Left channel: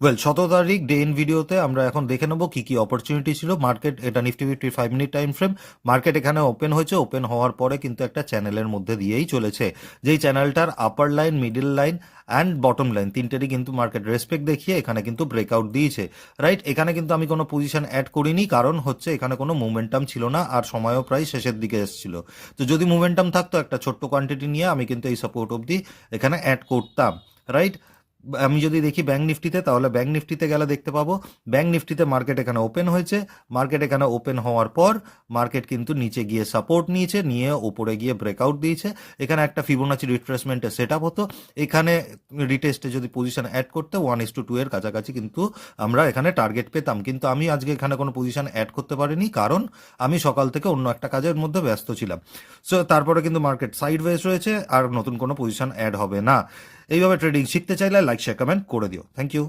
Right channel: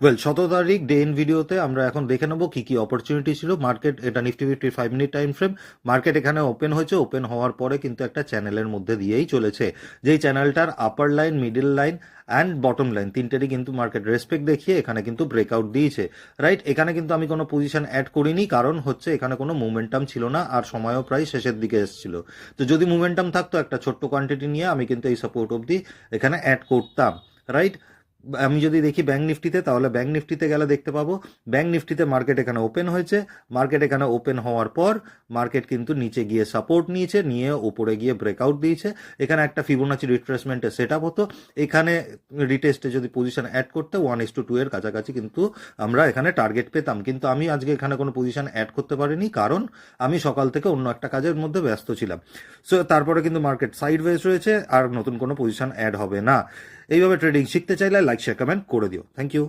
Well 17 তারিখ day in ভিডিওতে আমরা এখন দেখে নেবো কি কি অপরচুনিটি ছিল মার্কেট। এটা নিফটি ফিফটির 5 মিনিট টাইম ফ্রেম। মার্কেট এখানে ওপেন হয়েছে, ওপেন হওয়ার পরে কিন্তু একটা চ্যানেলের মধ্যে দিয়েই চলেছে, যেই চ্যানেলটার upper line, middle line and bottom line তিনটেরই কিন্তু মার্কেট রেসপেক্ট দেখিয়ে এখানে কিন্তু ব্রেকআউট দিয়েছে। রাইট, এখানে কিন্তু আমি কোনো পজিশন অ্যাড করিনি, কারণ হচ্ছে এখানে কোনো মোমেন্টাম ছিল না আর সময়ও প্রায় শেষের দিকে এসেছিল। তো যদি মোমেন্টাম থাকতো একটা ছোট্ট কোয়ান্টিটি নিয়ে আমি কিন্তু এই সাপোর্ট অবধি এখানে অ্যাড করতাম। রাইট, আমি যদি দেখি ব্যাঙ্ক নিফটিতে, তাহলে ব্যাঙ্ক নিফটিতে গেলে দেখতে পাবো ব্যাঙ্ক নিফটিতে মার্কেট এখানে ওপেন হয়েছে। মার্কেট এখানে ওপেন হওয়ার পর মার্কেট কিন্তু নিচে গিয়ে সাপোর্ট নিয়েছে, নিয়ে ওপরে গিয়ে ব্রেকআউট দিয়েছে। এখানে একটা ফিবোনাচি রিট্রেসমেন্টের সেট আপ হতো। এখানে রিটেস্টে যদি পজিশন অ্যাড করতে 1:2 এর কাছাকাছি কিন্তু আমরা এখানে টার্গেট পেতাম, কিন্তু আমি আজকে এখানে কোনো পজিশন অ্যাড করতে পারিনি, কারণ আমি সকাল থেকে অন্য একটা কাজের মধ্যে ব্যস্ত ছিলাম। সো তারপরে কিন্তু মার্কেট সাইডওয়েজ রয়েছে, আর নতুন কোনো পজিশন অ্যাড হবে না। এইভাবে ট্রেডিং শিখতে চাইলে লাইক শেয়ার কমেন্ট করে দিও। Thank you.